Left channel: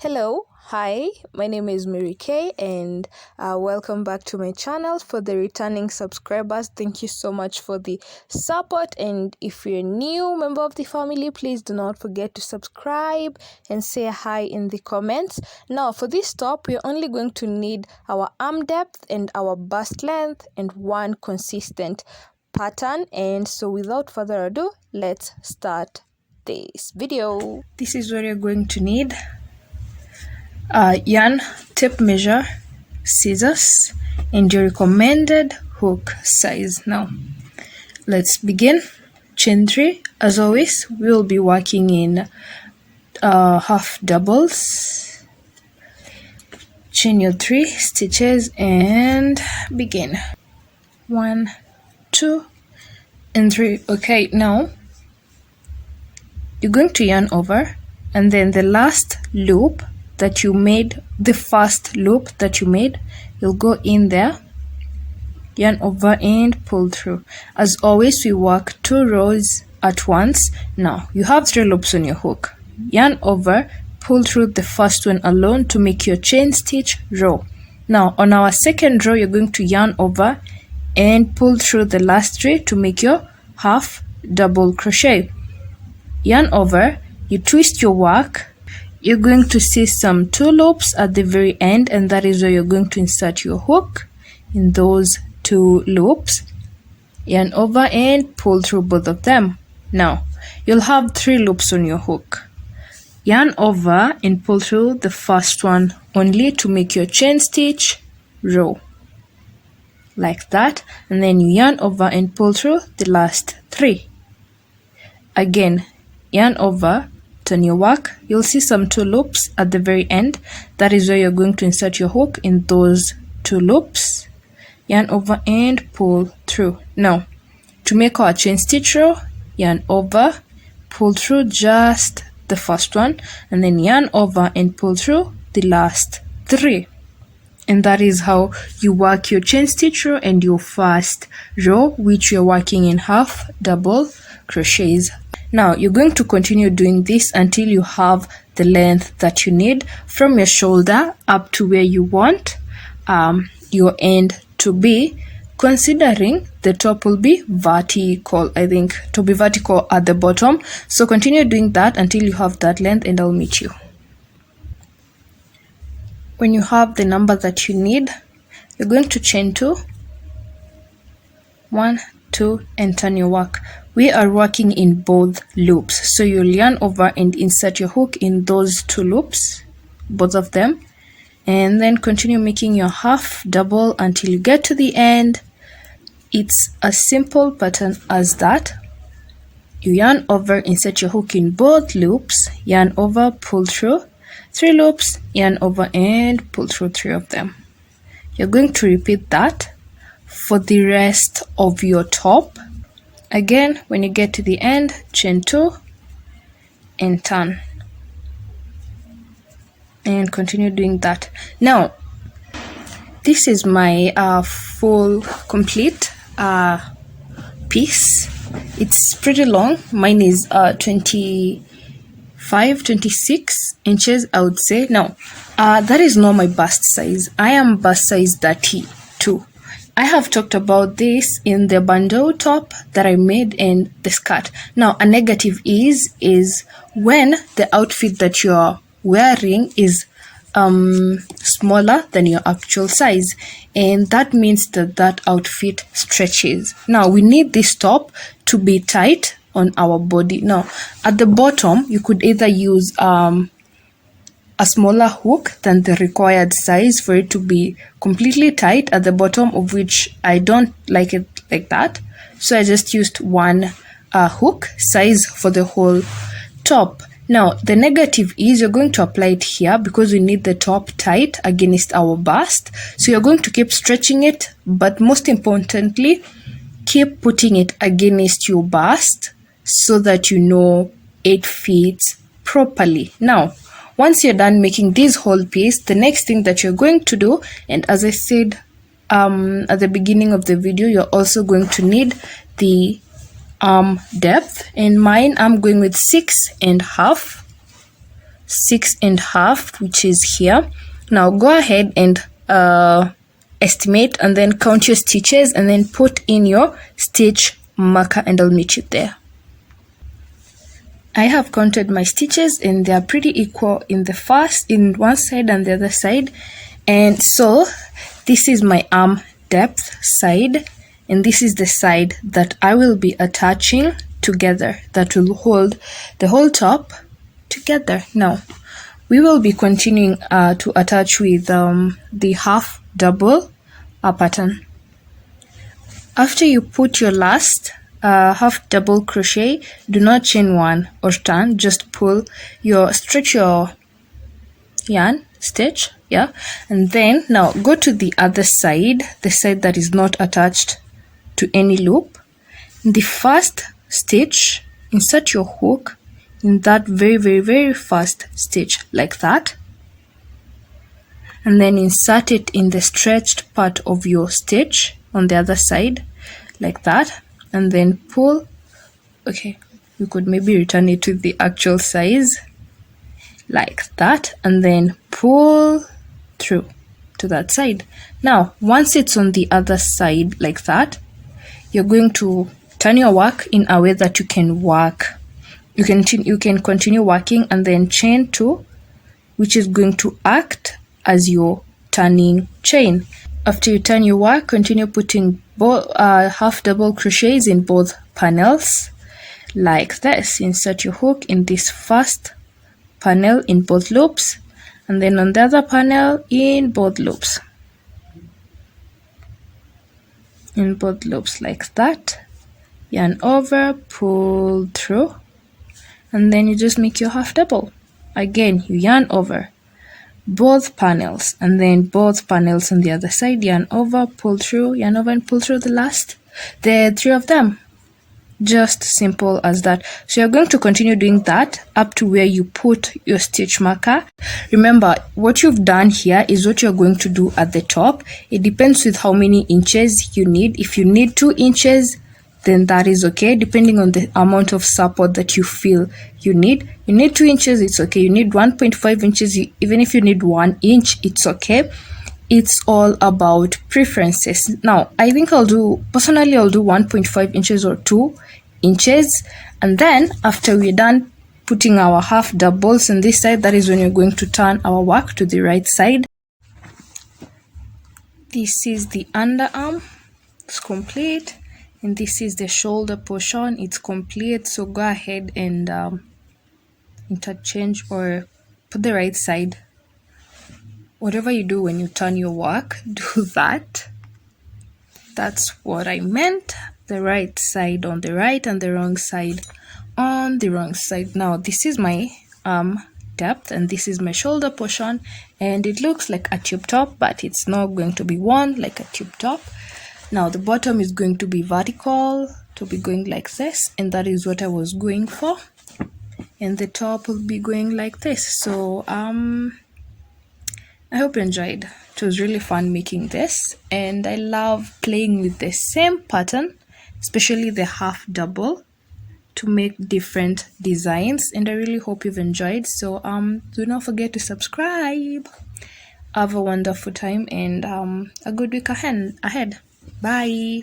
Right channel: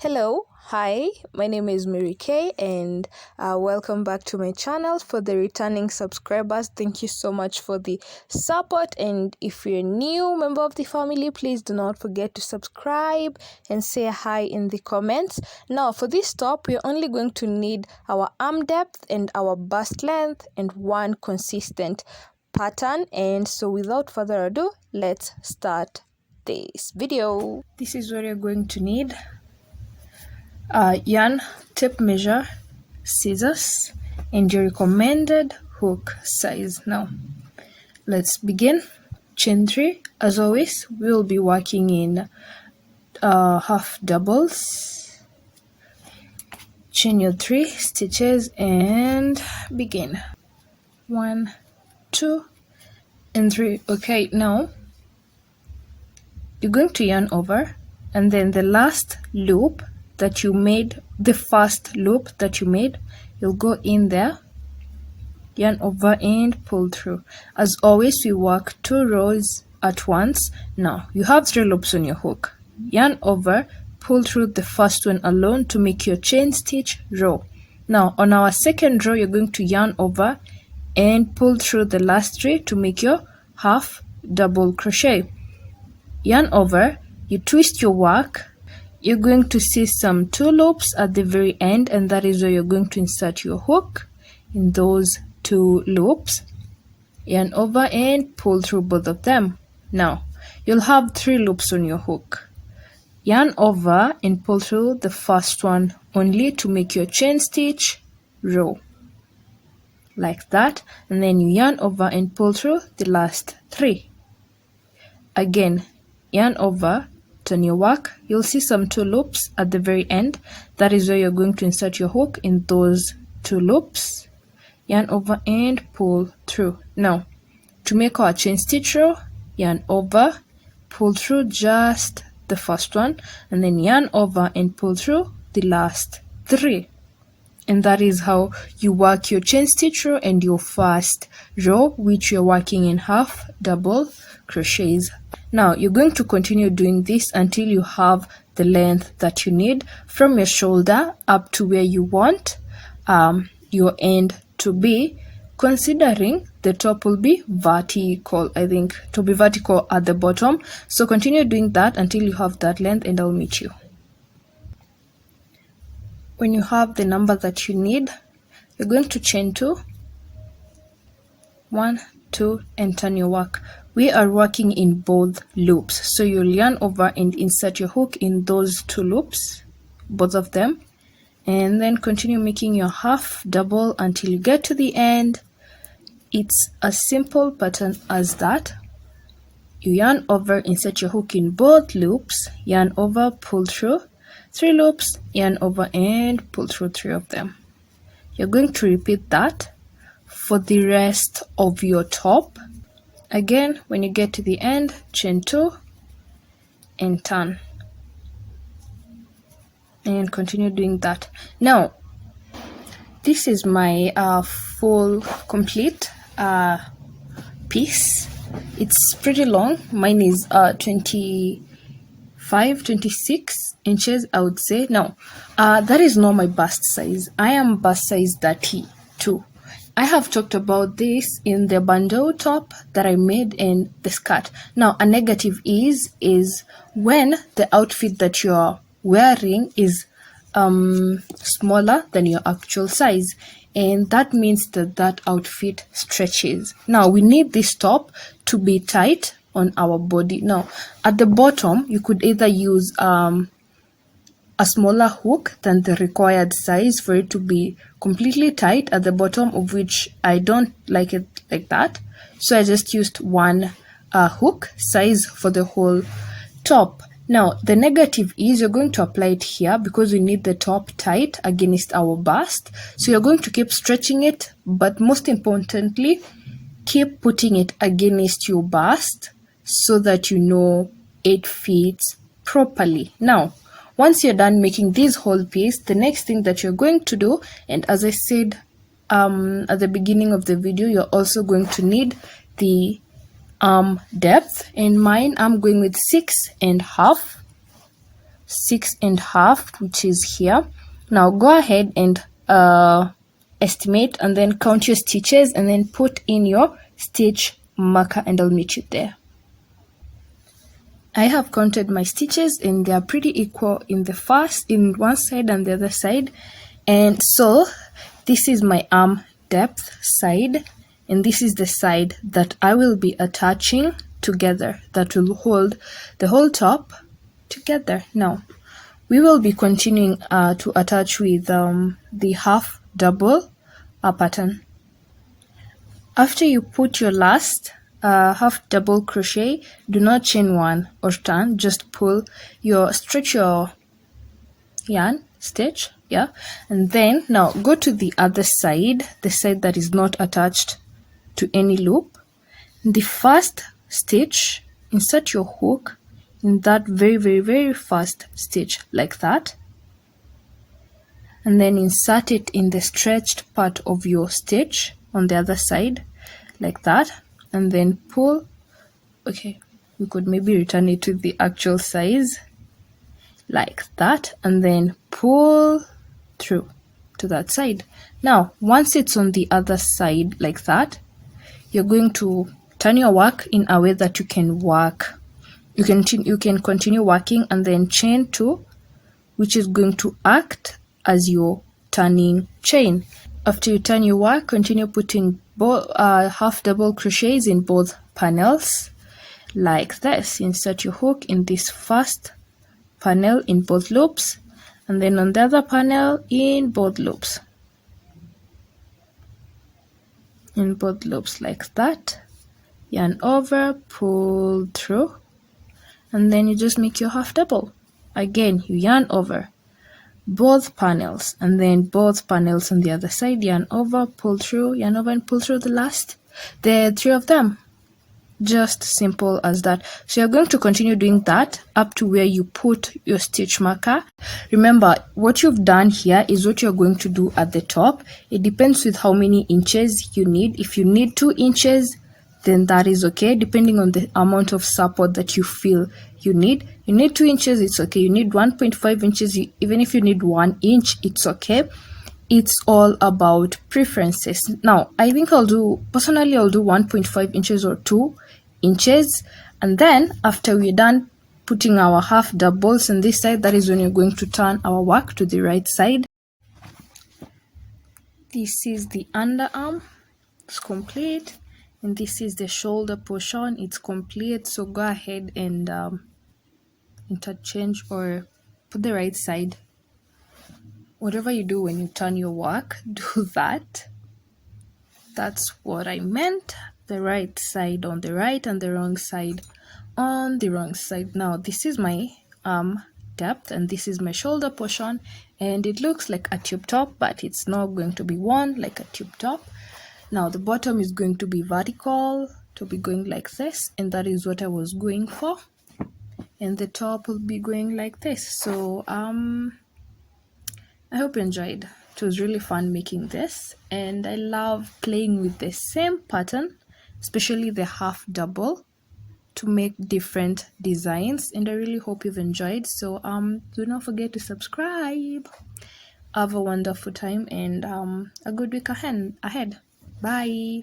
Hello, hi, my name is Mary Kay and welcome back to my channel. For the returning subscribers, thank you so much for the support, and if you're a new member of the family, please do not forget to subscribe and say hi in the comments. Now for this top, we're only going to need our arm depth and our bust length and one consistent pattern, and so without further ado, let's start this video. This is what you're going to need: yarn, tape measure, scissors, and your recommended hook size. Now let's begin. Chain 3. As always, we will be working in half doubles. Chain your 3 stitches and begin. 1, 2, and 3. Okay, now you're going to yarn over, and then the last loop that you made, the first loop that you made, you'll go in there, yarn over and pull through. As always, we work 2 rows at once. Now you have 3 loops on your hook. Yarn over, pull through the first one alone to make your chain stitch row. Now on our second row, you're going to yarn over and pull through the last 3 to make your half double crochet. Yarn over, you twist your work. You're going to see some 2 loops at the very end, and that is where you're going to insert your hook in those 2 loops. Yarn over and pull through both of them. Now you'll have 3 loops on your hook. Yarn over and pull through the first one only to make your chain stitch row, like that, and then you yarn over and pull through the last 3. Again, yarn over, turn your work. You'll see some 2 loops at the very end. That is where you're going to insert your hook in those 2 loops. Yarn over and pull through. Now to make our chain stitch row, yarn over, pull through just the first one, and then yarn over and pull through the last 3. And that is how you work your chain stitch row and your first row, which you're working in half double crochets. Now you're going to continue doing this until you have the length that you need from your shoulder up to where you want your end to be, considering the top will be vertical. I think to be vertical at the bottom. So continue doing that until you have that length, and I'll meet you. When you have the number that you need, you're going to chain 2, 1, 2, and turn your work. We are working in both loops, so you'll yarn over and insert your hook in those 2 loops, both of them, and then continue making your half double until you get to the end. It's a simple pattern as that. You yarn over, insert your hook in both loops, yarn over, pull through 3 loops, yarn over and pull through 3 of them. You're going to repeat that for the rest of your top. Again, when you get to the end, chain 2 and turn, and continue doing that. Now this is my full complete piece. It's pretty long. Mine is 26 inches, I would say. Now that is not my bust size. I am bust size 32. I have talked about this in the bandeau top that I made and the skirt. Now a negative is when the outfit that you're wearing is smaller than your actual size, and that means that that outfit stretches. Now we need this top to be tight on our body. Now at the bottom, you could either use a smaller hook than the required size for it to be completely tight at the bottom, of which I don't like it like that. So I just used one hook size for the whole top. Now the negative is you're going to apply it here because we need the top tight against our bust. So you're going to keep stretching it, but most importantly, keep putting it against your bust so that you know it fits properly. Now once you're done making this whole piece, the next thing that you're going to do, and as I said at the beginning of the video, you're also going to need the arm depth. And mine, I'm going with 6.5 6.5, which is here. Now go ahead and estimate and then count your stitches and then put in your stitch marker, and I'll meet you there. I have counted my stitches and they are pretty equal in one side and the other side. And so this is my arm depth side, and this is the side that I will be attaching together, that will hold the whole top together. Now we will be continuing to attach with the half double pattern. After you put your last half double crochet, do not chain one or turn, just stretch your yarn stitch, yeah, and then now go to the other side, the side that is not attached to any loop. In the first stitch, insert your hook in that very first stitch, like that, and then insert it in the stretched part of your stitch on the other side, like that, and then pull. Okay, we could maybe return it to the actual size, like that, and then pull through to that side. Now once it's on the other side like that, you're going to turn your work in a way that you can continue working, and then chain 2, which is going to act as your turning chain. After you turn your work, continue putting both half double crochets in both panels, like this. Insert your hook in this first panel in both loops, and then on the other panel in both loops, like that. Yarn over, pull through, and then you just make your half double. Again, you yarn over both panels, and then both panels on the other side, yarn over, pull through, yarn over and pull through the 3 of them. Just simple as that. So you're going to continue doing that up to where you put your stitch marker. Remember, what you've done here is what you're going to do at the top. It depends with how many inches you need. If you need 2 inches, then that is okay, depending on the amount of support that you feel you need. You need 2 inches, it's okay. You need 1.5 inches, even if you need 1 inch, it's okay. It's all about preferences. Now, I think I'll do 1.5 inches or 2 inches. And then after we're done putting our half doubles on this side, that is when you're going to turn our work to the right side. This is the underarm, it's complete. And this is the shoulder portion, it's complete. So go ahead and interchange or put the right side. Whatever you do when you turn your work, do that. That's what I meant. The right side on the right and the wrong side on the wrong side. Now this is my depth and this is my shoulder portion, and it looks like a tube top, but it's not going to be worn like a tube top. Now the bottom is going to be vertical, to be going like this, and that is what I was going for. And the top will be going like this. So I hope you enjoyed. It was really fun making this, and I love playing with the same pattern, especially the half double, to make different designs, and I really hope you've enjoyed. So do not forget to subscribe. Have a wonderful time and a good week ahead. Bye.